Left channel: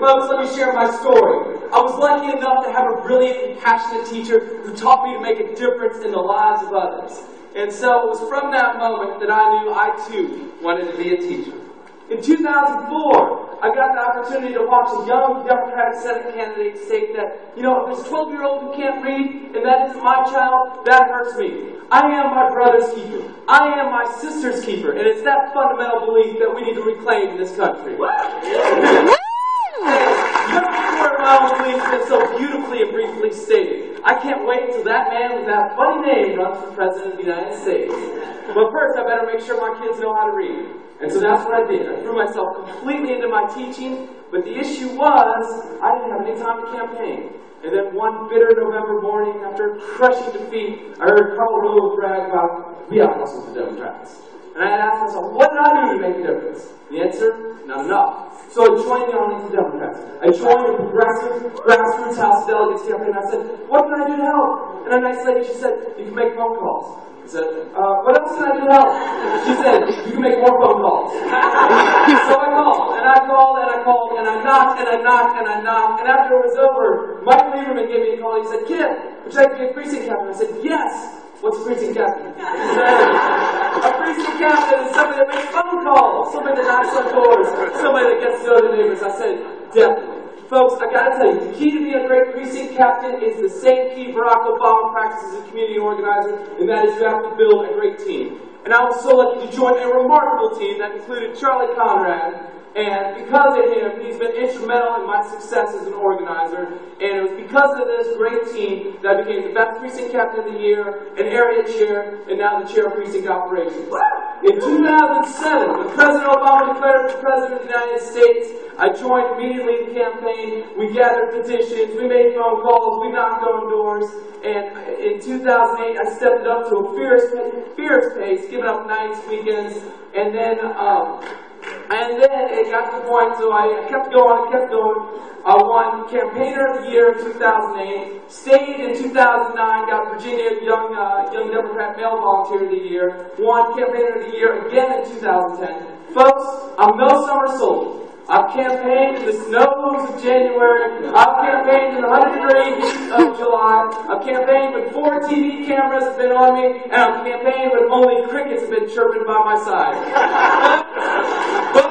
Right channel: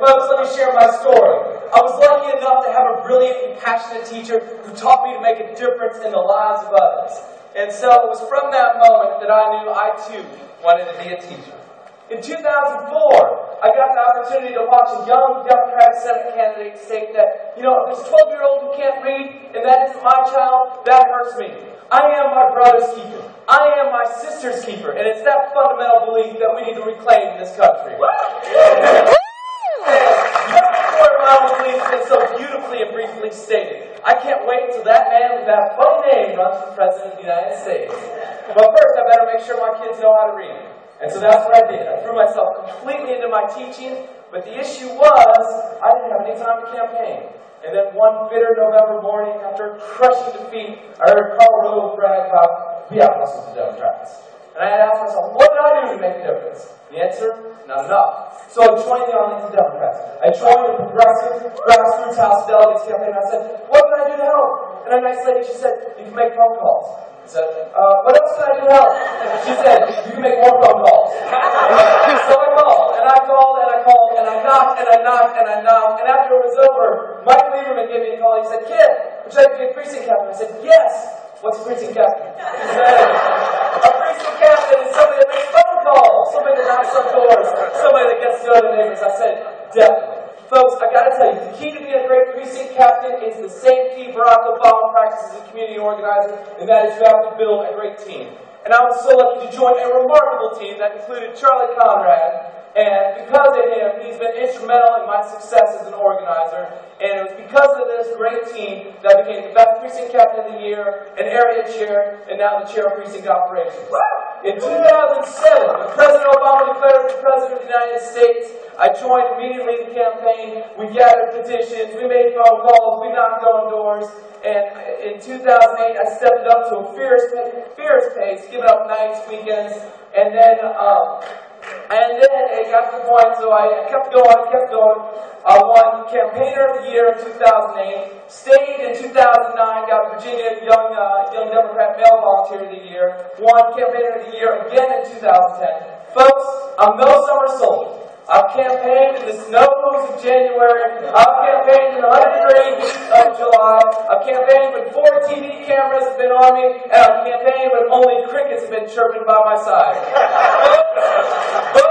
folks, let me share my story. I was lucky enough to have a brilliant and passionate teacher who taught me to make a difference in the lives of others. And so it was from that moment that I knew I too wanted to be a teacher. In 2004, I got the opportunity to watch a young Democratic Senate candidate state that, if there's a 12-year-old who can't read and that isn't my child, that hurts me. I am my brother's keeper. I am my sister's keeper. And it's that fundamental belief that we need to reclaim in this country. My own belief has been so beautifully and briefly stated. I can't wait until that man with that funny name runs for President of the United States. But first, I better make sure my kids know how to read. And so that's what I did. I threw myself completely into my teaching, but the issue was I didn't have any time to campaign. And then one bitter November morning, after a crushing defeat, I heard Karl Rove brag about, we out-hustled the Democrats. And I had asked myself, what did I do to make a difference? The answer, not enough. So I joined the Arlington Democrats. I joined the Progressive Grassroots House of Delegates campaign. I said, what can I do to help? And a nice lady, she said, you can make phone calls. I said, what else can I do to help? She said, you can make more phone calls. So I called, and I called, and I called, and I knocked, and I knocked, and I knocked. And after it was over, Mike Lieberman gave me a call. He said, kid, would you like to be a precinct captain? I said, yes. What's a precinct captain? He said, a precinct captain is somebody that makes phone calls, somebody that knocks on doors, somebody that gets to know the neighbors. I said, definitely. Folks, I gotta tell you, the key to being a great precinct captain is the same key Barack Obama practices as a community organizer, and that is you have to build a great team. And I was so lucky to join a remarkable team that included Charlie Conrad, and because of him, he's been instrumental in my success as an organizer. And it was because of this great team that I became the best precinct captain of the year, an area chair, and now the chair of precinct operations. In 2007, when President Obama declared for President of the United States, I joined immediately the campaign. We gathered petitions, we made phone calls, we knocked on doors. And in 2008, I stepped it up to a fierce pace, giving up nights, weekends, and then it got to the point, so I kept going. I won Campaigner of the Year in 2008, stayed in 2009, got Virginia Young Democrat Male Volunteer of the Year, won Campaigner of the Year again in 2010. Folks, I'm no summer soldier. I've campaigned in the snows of January. I've campaigned in the 100-degree heat of July. I've campaigned when 4 TV cameras have been on me, and I've campaigned when only crickets have been chirping by my side. But